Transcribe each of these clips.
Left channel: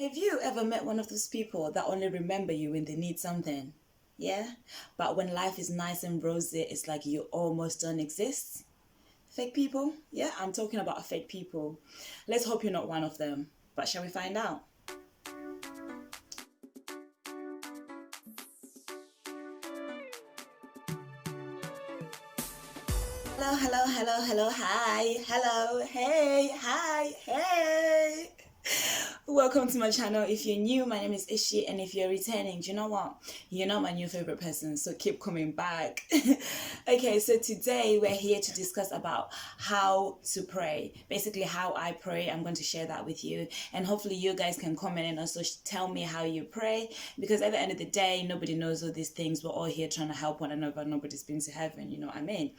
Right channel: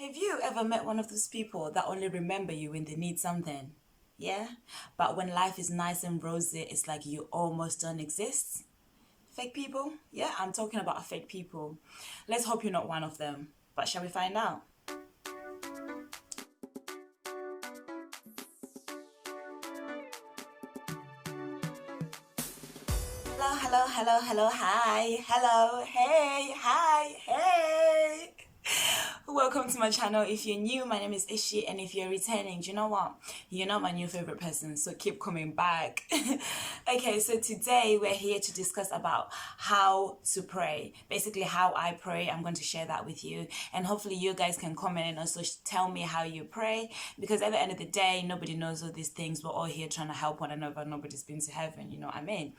Have you ever met one of those people that only remember you when they need something? Yeah? But when life is nice and rosy, it's like you almost don't exist? Fake people? Yeah, I'm talking about fake people. Let's hope you're not one of them. But shall we find out? Hello, hello, hello, hello, hi, hello, hey, hi, hey. Welcome to my channel. If you're new, my name is Ishi, and if you're returning, do you know what? You're not my new favorite person, so keep coming back. Okay, so today we're here to discuss about how to pray. Basically, how I pray. I'm going to share that with you, and hopefully you guys can comment and also tell me how you pray, because at the end of the day, nobody knows all these things. We're all here trying to help one another. Nobody's been to heaven, you know what I mean?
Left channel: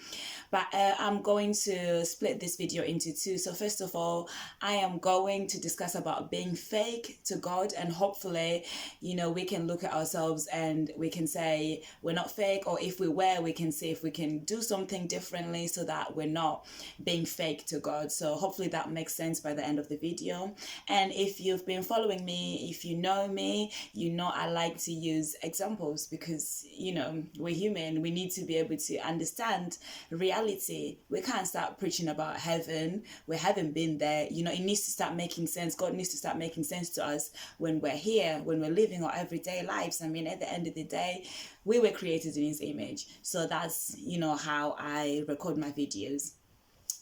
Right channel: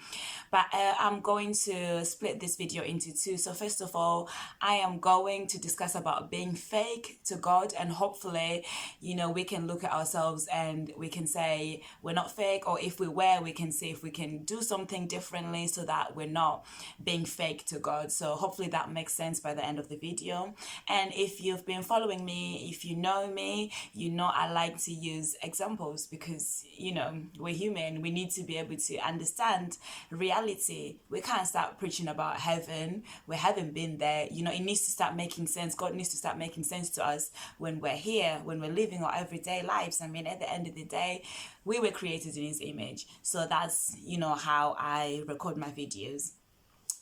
But I'm going to split this video into two. So first of all, I am going to discuss about being fake to God, and hopefully, we can look at ourselves and we can say we're not fake, or if we were, we can see if we can do something differently so that we're not being fake to God. So hopefully that makes sense by the end of the video. And if you've been following me, if you know me, I like to use examples because, we're human. We need to be able to understand reality. We can't start preaching about heaven. We haven't been there. It needs to start making sense. God needs to start making sense to us when we're here, when we're living our everyday lives. I mean, at the end of the day, we were created in His image. So that's, how I record my videos.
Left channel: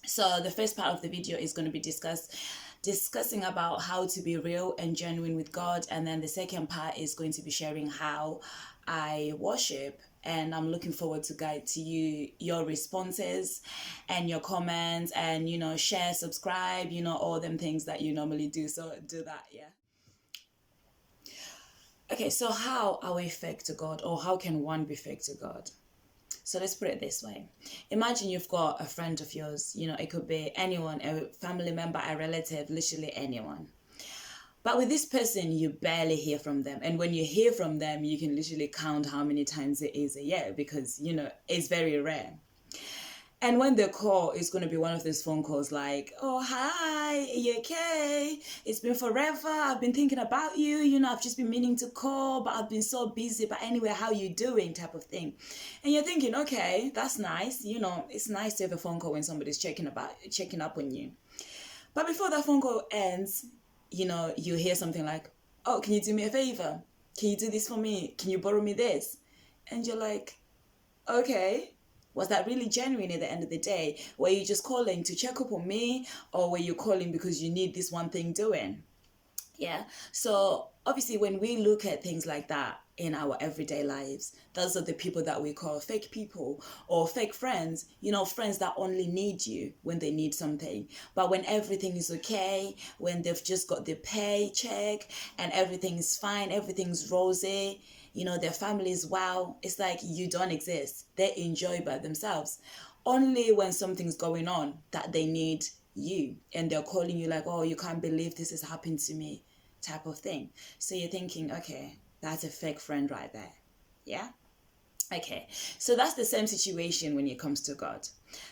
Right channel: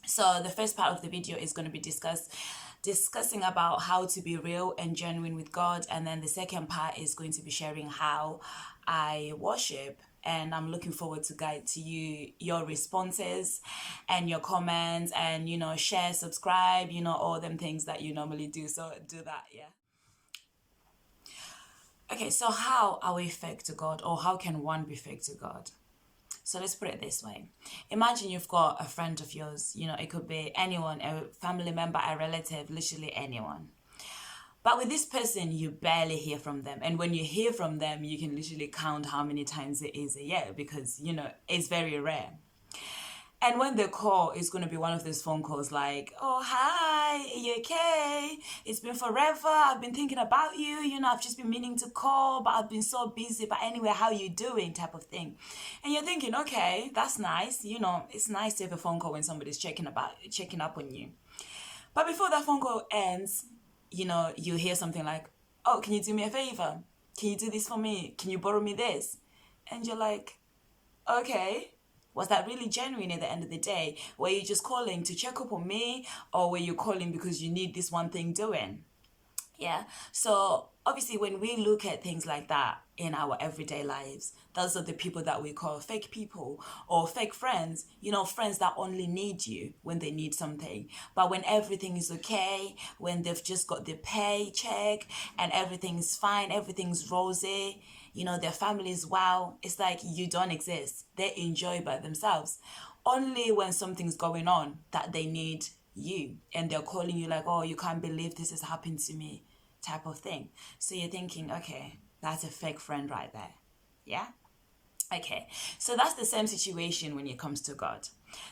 So the first part of the video is going to be discussing about how to be real and genuine with God, and then the second part is going to be sharing how I worship. And I'm looking forward to guide to you your responses and your comments, and share, subscribe, all them things that you normally do. So do that, yeah. Okay, so how are we fake to God, or how can one be fake to God? So let's put it this way. Imagine you've got a friend of yours, it could be anyone, a family member, a relative, literally anyone. But with this person, you barely hear from them. And when you hear from them, you can literally count how many times it is a year because, it's very rare. And when they call, it's going to be one of those phone calls like, oh, hi, are you okay? It's been forever. I've been thinking about you. I've just been meaning to call, but I've been so busy. But anyway, how you doing type of thing. And you're thinking, okay, that's nice. It's nice to have a phone call when somebody's checking up on you. But before that phone call ends, you hear something like, oh, can you do me a favor? Can you do this for me? Can you borrow me this? And you're like, okay. Was that really genuine at the end of the day? Were you just calling to check up on me, or were you calling because you need this one thing doing? Yeah. So obviously when we look at things like that in our everyday lives, those are the people that we call fake people or fake friends, friends that only need you when they need something. But when everything is okay, when they've just got their paycheck and everything's fine, everything's rosy, their families, wow, it's like you don't exist. They enjoy by themselves. Only when something's going on that they need you, and they're calling you like, oh, you can't believe this has happened to me type of thing. So you're thinking, okay, that's a fake friend right there. Yeah. Okay, so that's the same situation when it comes to God.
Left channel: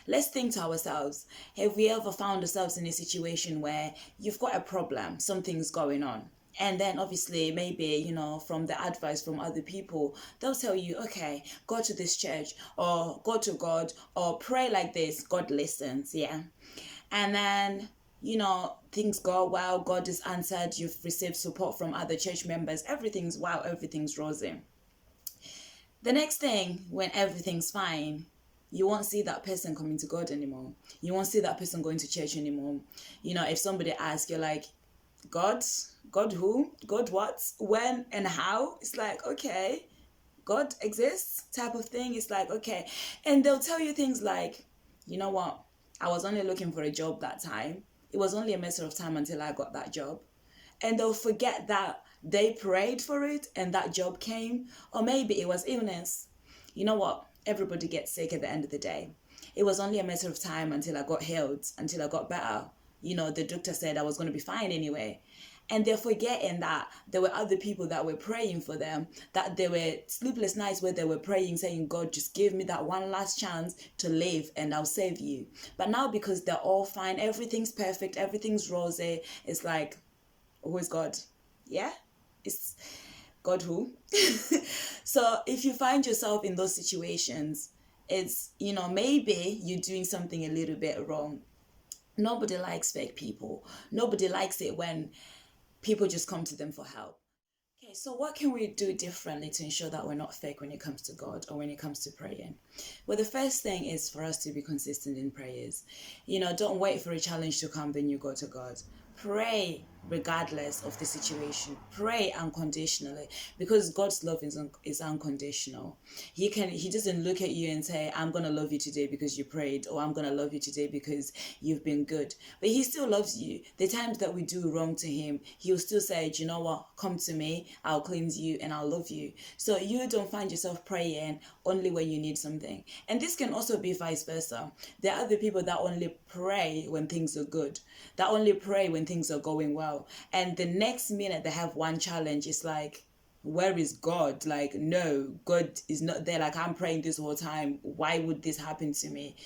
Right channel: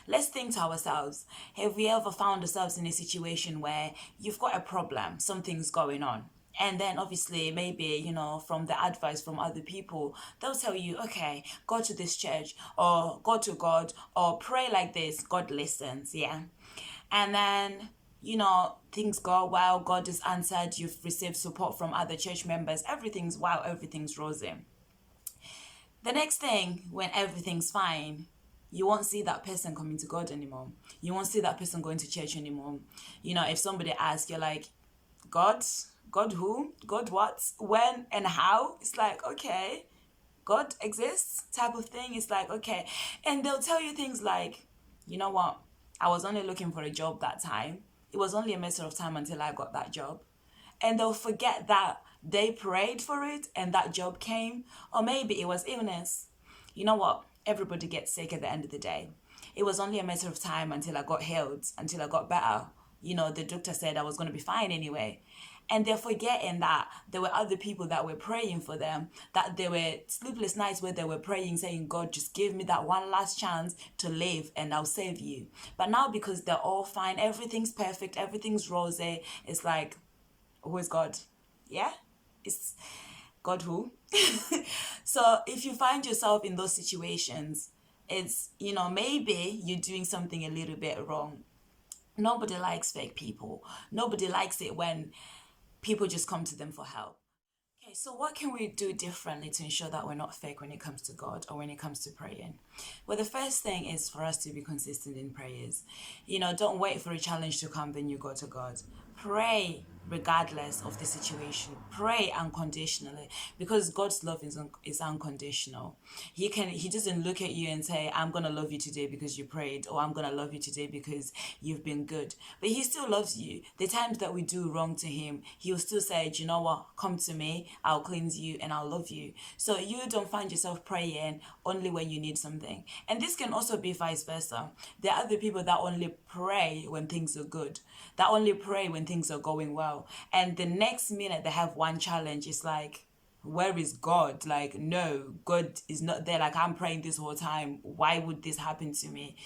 Let's think to ourselves, have we ever found ourselves in a situation where you've got a problem, something's going on? And then obviously maybe, from the advice from other people, they'll tell you, okay, go to this church or go to God or pray like this. God listens, yeah. And then, things go well, God is answered, you've received support from other church members, everything's wow, everything's rosy. The next thing, when everything's fine, you won't see that person coming to God anymore. You won't see that person going to church anymore. If somebody asks, you're like, God who? God what? When and how? It's like, okay, God exists type of thing. It's like, okay. And they'll tell you things like, you know what? I was only looking for a job that time. It was only a matter of time until I got that job. And they'll forget that they prayed for it and that job came. Or maybe it was illness. You know what? Everybody gets sick at the end of the day. It was only a matter of time until I got healed, until I got better. The doctor said I was going to be fine anyway. And they're forgetting that there were other people that were praying for them, that there were sleepless nights where they were praying, saying, God, just give me that one last chance to live and I'll save you. But now because they're all fine, everything's perfect, everything's rosy, it's like, who is God? Yeah? It's God who? So if you find yourself in those situations, it's, maybe you're doing something a little bit wrong. Nobody likes fake people. Nobody likes it when people just come to them for help. Okay, so what can we do differently to ensure that we're not fake when it comes to God or when it comes to praying? Well, the first thing is for us to be consistent in prayers. Don't wait for a challenge to come, then you go to God. Pray regardless of the situation. Pray unconditionally, because God's love is unconditional. He doesn't look at you and say, I'm gonna love you today because you prayed, or I'm gonna love you today because you've been good. But he still loves you. The times that we do wrong to him, he'll still say, do you know what? Come to me, I'll cleanse you and I'll love you. So you don't find yourself praying only when you need something. And this can also be vice versa. There are other people that only pray when things are good, that only pray when things are going well. And the next minute they have one challenge, it's like, where is God? Like, no, God is not there. Like, I'm praying this whole time. Why would this happen to me?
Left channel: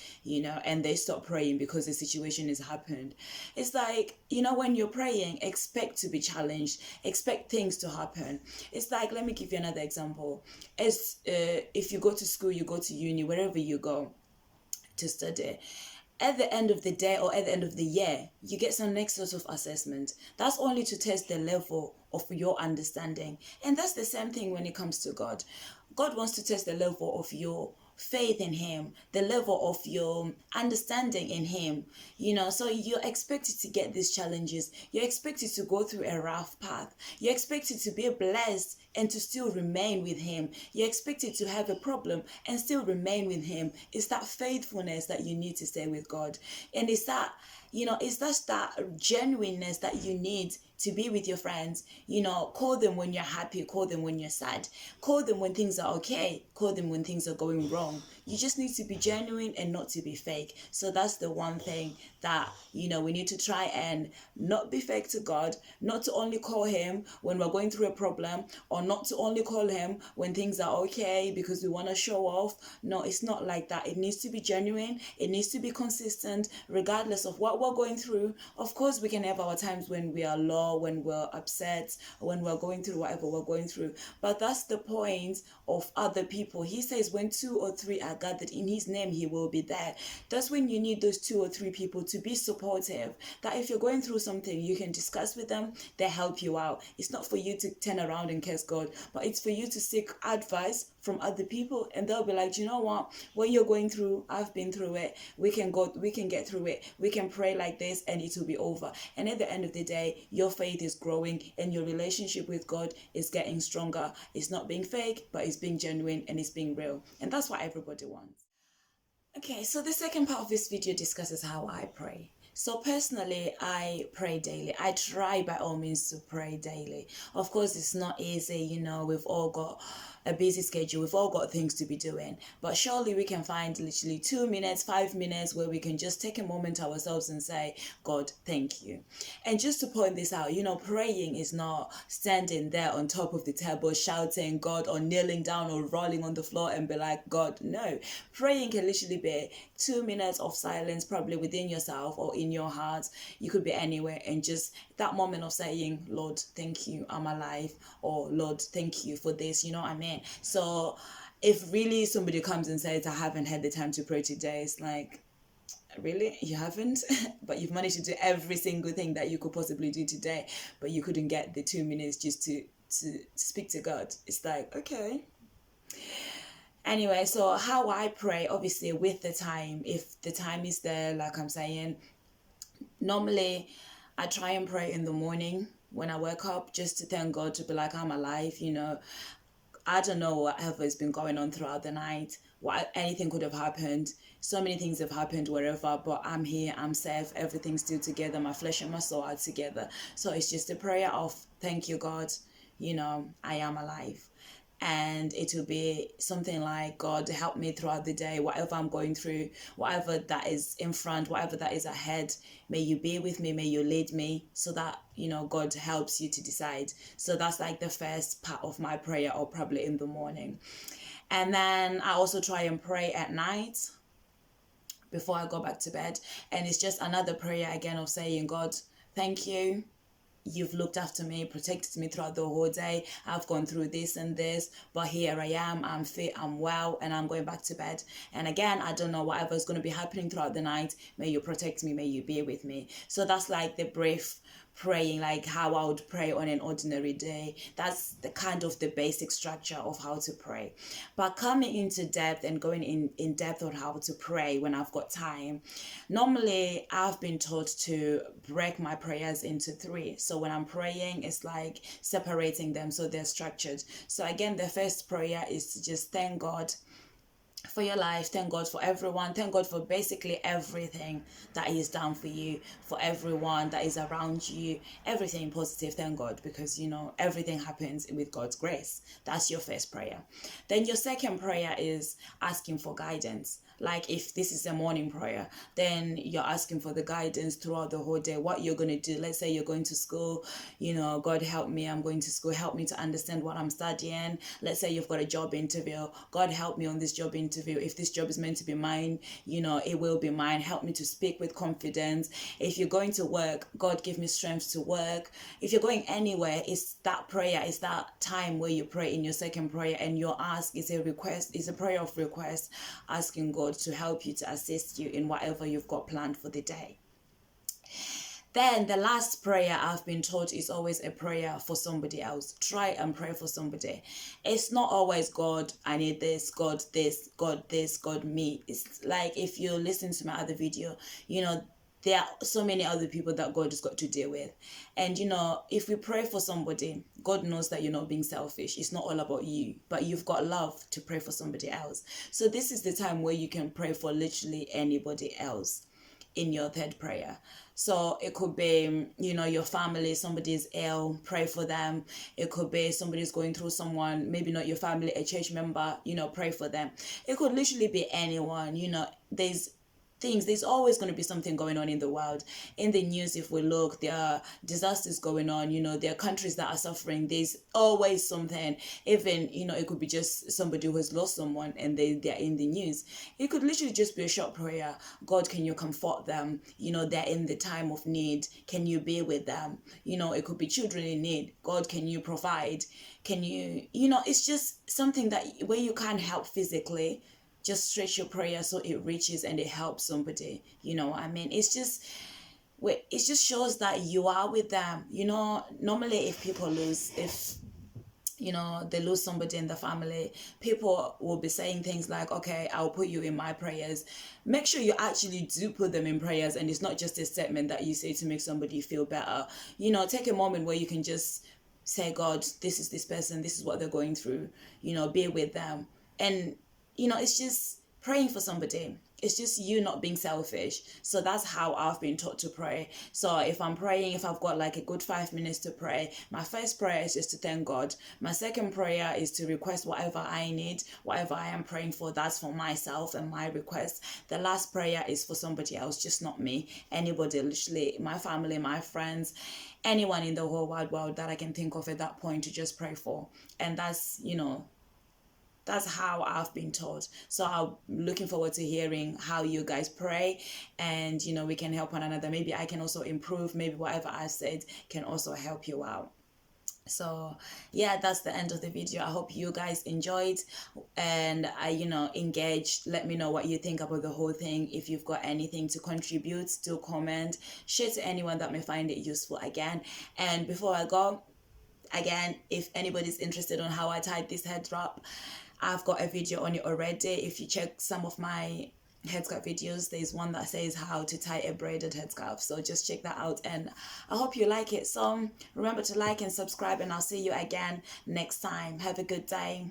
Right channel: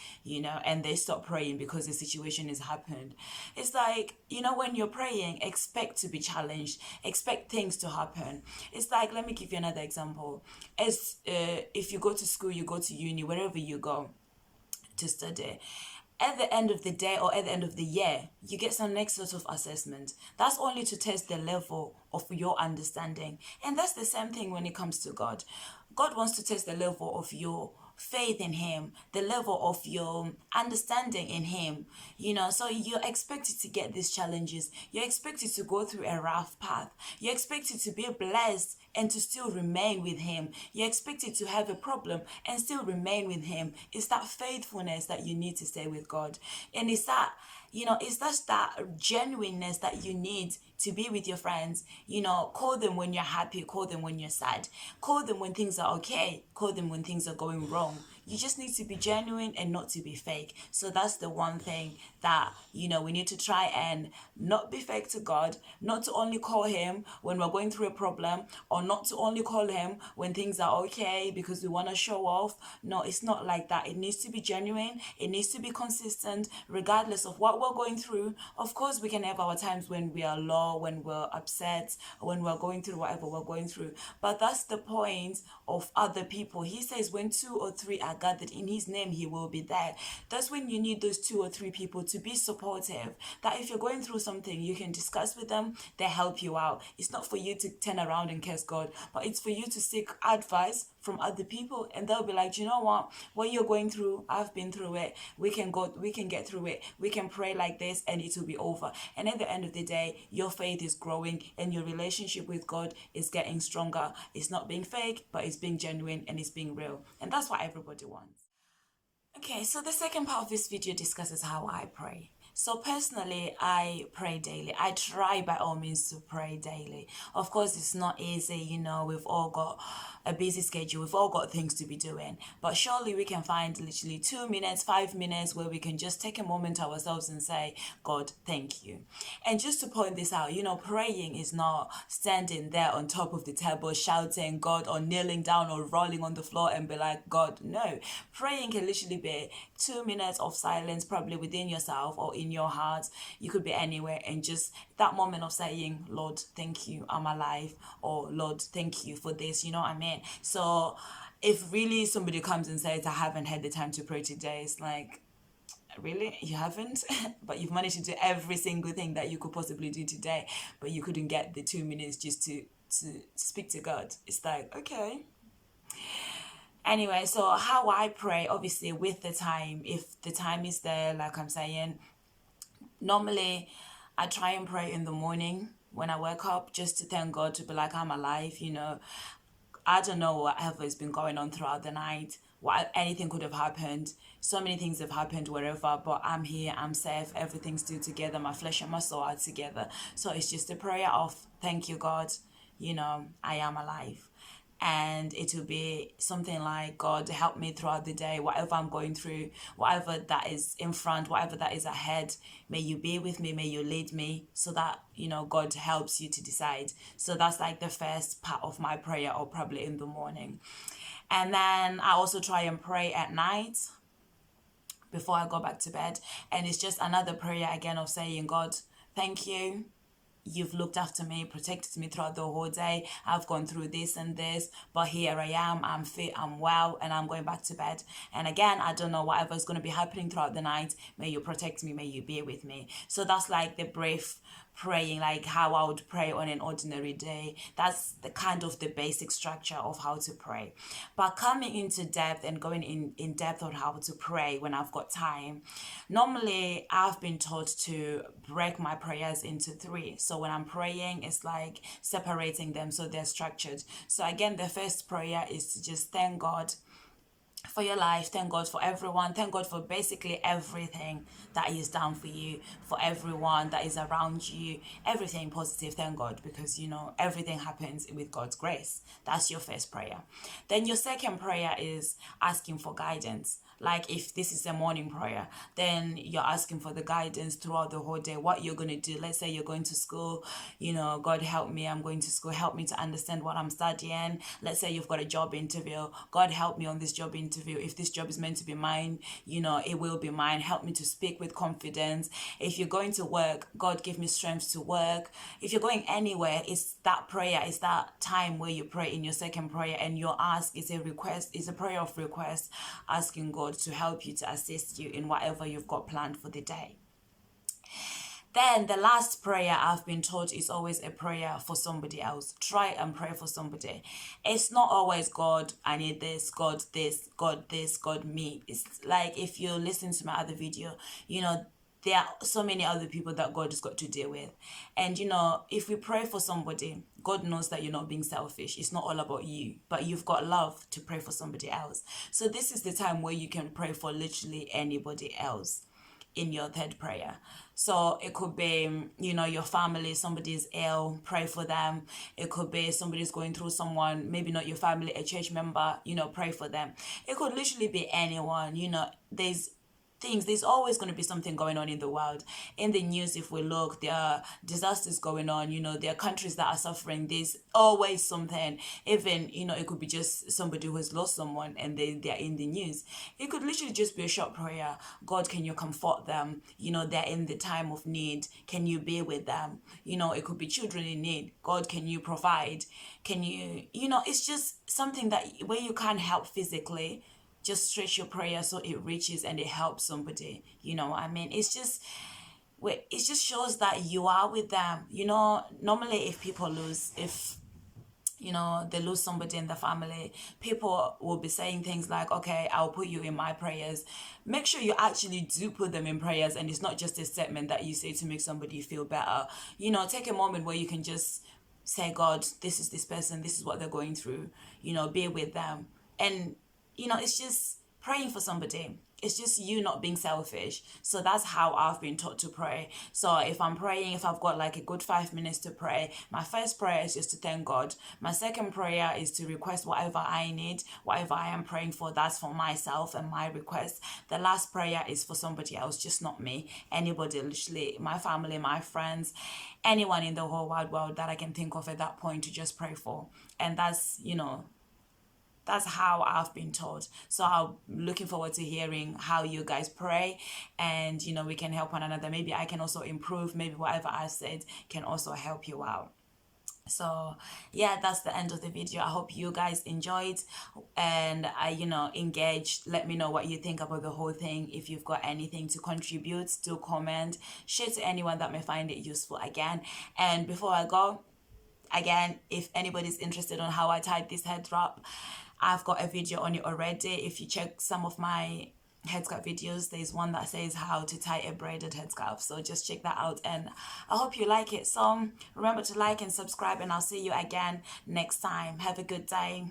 And they stop praying because the situation has happened. It's like, when you're praying, expect to be challenged, expect things to happen. It's like, let me give you another example. As if you go to school, you go to uni, wherever you go to study, at the end of the day or at the end of the year, you get some next sort of assessment. That's only to test the level of your understanding. And that's the same thing when it comes to God. God wants to test the level of your faith in him, the level of your understanding in him. So you're expected to get these challenges. You're expected to go through a rough path. You're expected to be blessed and to still remain with him. You're expected to have a problem and still remain with him. It's that faithfulness that you need to stay with God. And it's that, it's just that genuineness that you need to be with your friends. Call them when you're happy, call them when you're sad, call them when things are okay, call them when things are going wrong. You just need to be genuine and not to be fake. So that's the one thing that, we need to try and not be fake to God, not to only call him when we're going through a problem, or not to only call him when things are okay because we want to show off. No, it's not like that. It needs to be genuine. It needs to be consistent, regardless of what we're going through. Of course, we can have our times when we are low, when we're upset, or when we're going through whatever we're going through. But that's the point of other people. He says when 2 or 3 are gathered in his name, he will be there. That's when you need those 2 or 3 people to be supportive. That if you're going through something, you can discuss with them, they help you out. It's not for you to turn around and curse God, but it's for you to seek advice from other people, and they'll be like, you know what you're going through, I've been through it. We can get through it. We can pray like this and it will be over. And at the end of the day, your faith is growing and your relationship with God is getting stronger. It's not being fake, but it's being genuine and it's being real. And that's what everybody wants. Okay, so the second part of this video discusses how I pray. So personally, I pray daily. I try by all means to pray daily. Of course, it's not easy, we've all got a busy schedule. We've all got things to be doing. But surely we can find literally 2 minutes, 5 minutes where we can just take a moment to ourselves and say, God, thank you. And just to point this out, praying is not standing there on top of the table shouting God, or kneeling down or rolling on the floor and be like, God. No. Praying can literally be 2 minutes of silence, probably within yourself or in your heart. You could be anywhere, and just that moment of saying, Lord, thank you, I'm alive, or Lord, thank you for this, you know what I mean? So if really somebody comes and says, I haven't had the time to pray today, it's like, really? You haven't? But you've managed to do every single thing that you could possibly do today, but you couldn't get the 2 minutes just to speak to God. It's like, okay. Anyway, so how I pray, obviously with the time, if the time is there, like I'm saying, normally I try and pray in the morning when I wake up, just to thank God, to be like, I'm alive. I don't know whatever has been going on throughout the night. Anything could have happened. So many things have happened wherever, but I'm here, I'm safe, everything's still together, my flesh and my soul are together. So it's just a prayer of, thank you, God, I am alive. And it will be something like, God, help me throughout the day, whatever I'm going through, whatever that is in front, whatever that is ahead, may you be with me, may you lead me, so that, God helps you to decide. So that's like the first part of my prayer, or probably in the morning. And then I also try and pray at night before I go back to bed. And it's just another prayer again of saying, God, thank you. you've looked after me, protected me throughout the whole day. I've gone through this and this, but here I am, I'm fit, I'm well, and I'm going back to bed. And again, I don't know whatever's going to be happening throughout the night. May you protect me, may you be with me. So that's like the brief praying, like how I would pray on an ordinary day. That's the kind of the basic structure of how to pray. But coming into depth and going in depth on how to pray when I've got time, normally I've been taught to break my prayers into three. So when I'm praying, it's like separating them so they're structured. So again, the first prayer is to just thank God for your life, thank God for everyone, thank God for basically everything that He's done for you, for everyone that is around you, everything positive, thank God, because you know everything happens with God's grace. That's your first prayer. Then your second prayer is asking for guidance. Like if this is a morning prayer, then you're asking for the guidance throughout the whole day, what you're going to do. Let's say you're going to school, you know, God help me, I'm going to school, help me to understand what I'm studying. Let's say you've got a job interview, God help me on this job interview. If this job is meant to be mine, you know, it will be mine. Help me to speak with confidence. If you're going to work, God give me strength to work. If you're going anywhere, it's that prayer, it's that time where you pray in your second prayer, and your ask is a request, is a prayer of request, asking God to help you, to assist you in whatever you've got planned for the day. Then the last prayer I've been taught is always a prayer for somebody else. Try and pray for somebody. It's not always God, I need this, God this, God this, God me. It's like if you listen to my other video, you know, there are so many other people that God has got to deal with. And, you know, if we pray for somebody, God knows that you're not being selfish. It's not all about you, but you've got love to pray for somebody else. So this is the time where you can pray for literally anybody else in your third prayer. So it could be, you know, your family, somebody's ill, pray for them. It could be somebody's going through someone, maybe not your family, a church member, you know, pray for them. It could literally be anyone, you know, there's always going to be something going on in the world. In the news, if we look, there are disasters going on, you know, there are countries that are suffering. There's always something. Even, you know, it could be just somebody who has lost someone and they're in the news. It could literally just be a short prayer. God, can you comfort them? You know, they're in the time of need. Can you be with them? You know, it could be children in need. God, can you provide? Can you, you know, it's just something that where you can't help physically, just stretch your prayer so it reaches and it helps somebody. You know what I mean? It just shows that you are with them. You know, normally if people lose, if you know, they lose somebody in the family, people will be saying things like, okay, I'll put you in my prayers. Make sure you actually do put them in prayers, and it's not just a statement that you say to make somebody feel better. You know, take a moment where you can just say, God, this is this person, this is what they're going through, you know, be with them. And you know, it's just praying for somebody. It's just you not being selfish. So that's how I've been taught to pray. So if I'm praying, if I've got like a good 5 minutes to pray, my first prayer is just to thank God. My second prayer is to request whatever I need, whatever I am praying for, that's for myself and my request. The last prayer is for somebody else, just not me. Anybody, literally my family, my friends, anyone in the whole wide world that I can think of at that point to just pray for. And that's, you know, that's how I've been taught. So I'm looking forward to hearing how you guys pray, and you know, we can help one another. Maybe I can also improve. Maybe whatever I said can also help you out. So yeah, that's the end of the video. I hope you guys enjoyed and you know, engaged. Let me know what you think about the whole thing. If you've got anything to contribute, do comment, share to anyone that may find it useful again. And before I go, again, if anybody's interested on how I tied this head wrap, I've got a video on it already. If you check some of my headscarf videos, there's one that says how to tie a braided headscarf. So just check that out, and I hope you like it. So remember to like and subscribe, and I'll see you again next time. Have a good day.